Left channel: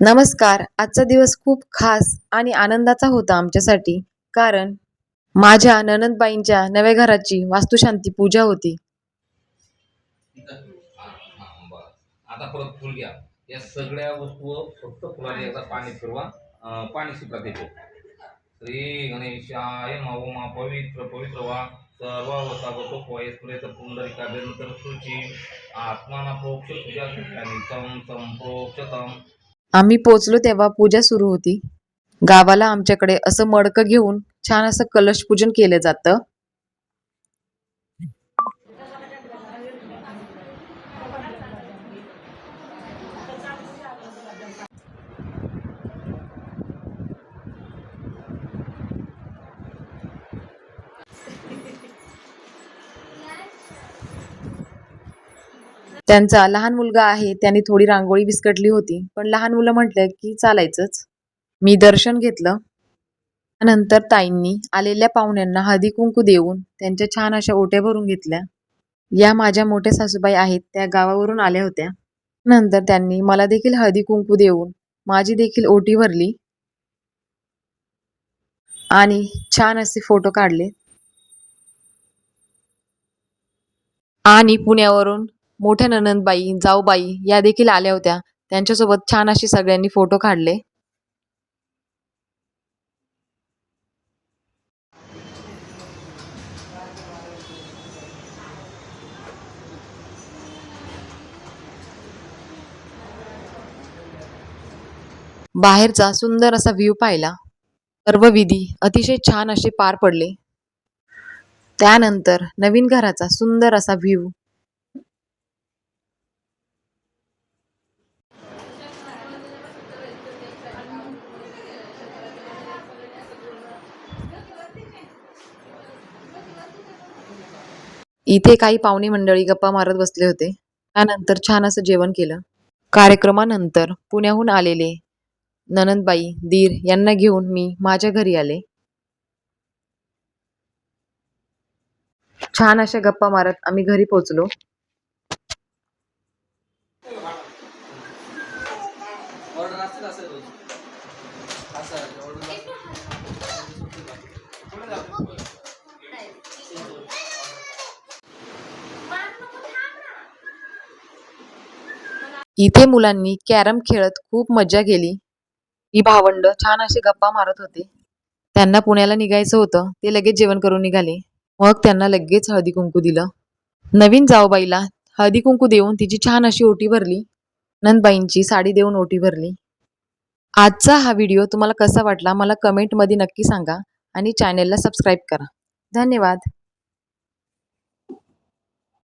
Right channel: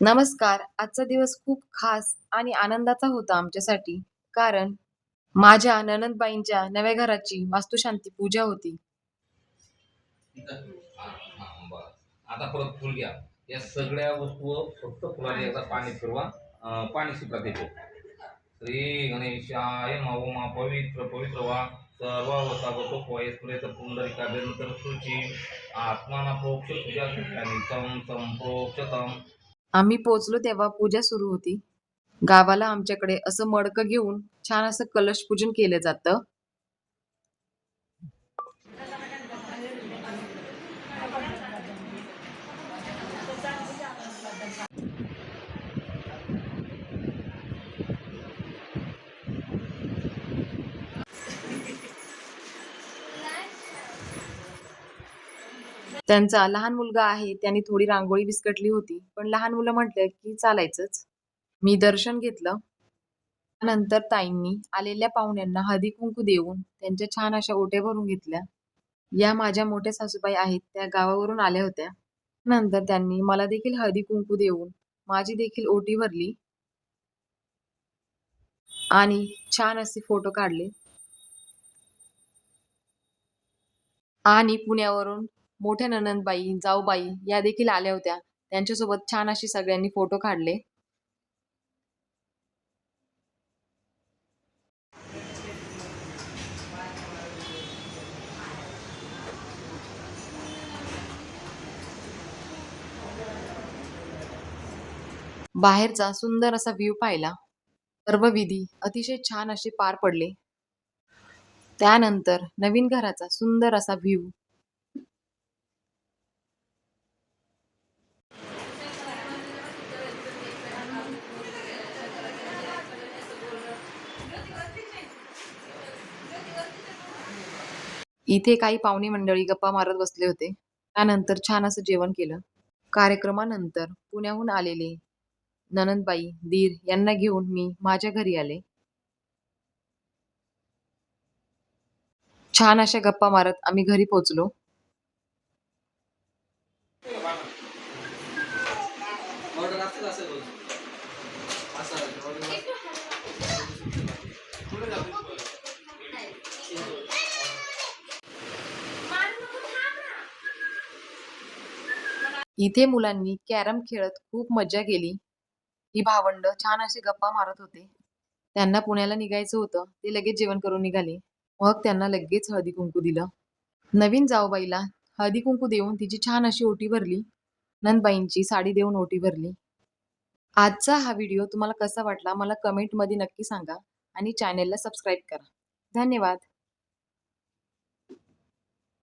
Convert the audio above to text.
नमस्कार. आजचा दिवस खूप खास आणि आनंदाचा होता आमच्यासाठी. कारण माझ्या नणंदबाईंच्या नव्या घराची वास्तुशांती पूजा होती. हां, बरं. आता परत फुल घ्या. या सगळ्या वस्तू फक्त फुलाने एकदा पाणी फिरवा. पाणी सुटत येते. श्री गणेशाय नमः. पवित्र पवित्र वा सर्व वसावतो पोयस्प्रेत पुंडरिकाभ्यंतर शुची आत्माना प्रोक्ष पूजा आणि चं संप्रोक्षतम. आम्ही पोचलो तेव्हा पूजा सुरू होती. गावाला आमच्याकडे असं मडकं घेऊन छान असं कलश पूजन केलं जातं. त्यांचा लहान मुलगा आहे, त्याने थोडी रांगोळी विस्कटली होती, पण लहान मुलं म्हटलं की चालायचंच. मी दर्शन घेतलं. त्यानंतर ताईंनी आलेल्या पाहुण्यांना हळदी-कुंकू देऊन त्यांच्या छान अशा ओट्या भरून घेतल्या. या माझ्या मोठ्या सासूबाई आहेत, त्या गावावरून आल्या होत्या. नंतर त्यांनी मला देखील हळदी-कुंकू देऊन माझी देखील ओटी भरली आणि छान असे फोटो काढले. आणि पुण्यावरून मोठ्या नणंदबाई, जाऊबाई या देखील आल्या होत्या. त्यांच्यासोबत छान असे सगळ्यांनी फोटो काढले. बाहेरचा सुंदर असा व्ह्यू पाहिला. सर्व विधी अतिशय छान असे पार पडले. त्यानंतर नवीन घराचा सुंदर असा व्ह्यू. इथे काही पाहुणे मंडळी गप्पा मारत बसले होते. त्यानंतर छान असं जेवण केलं. कार्यक्रमानंतर पुण्याहून आलेले नणंदबाई, दीर यांना घेऊन मी माझ्या घरी आले. छान अशा गप्पा मारत आम्ही घरी पोहोचलो. इथे मुलांनी कॅरम खेळत खूप मज्जा केली. ही भावंड छान असे गप्पा मारत होते. त्यांना पुण्याला निघायचं होतं, ते लगेच जेवण करून निघाले. मग त्यांना लगेच हळदी कुंकू दिलं. नवीन जाऊबाईला हळदी कुंकू देऊन तिची छान अशी ओटी भरली. नंदबाईंची साडी देऊन ओटी भरली. आजचा हा व्हिडिओ तुम्हाला कसा वाटला मला कमेंटमध्ये नक्की सांगा आणि चॅनेलला सबस्क्राईब करा. धन्यवाद.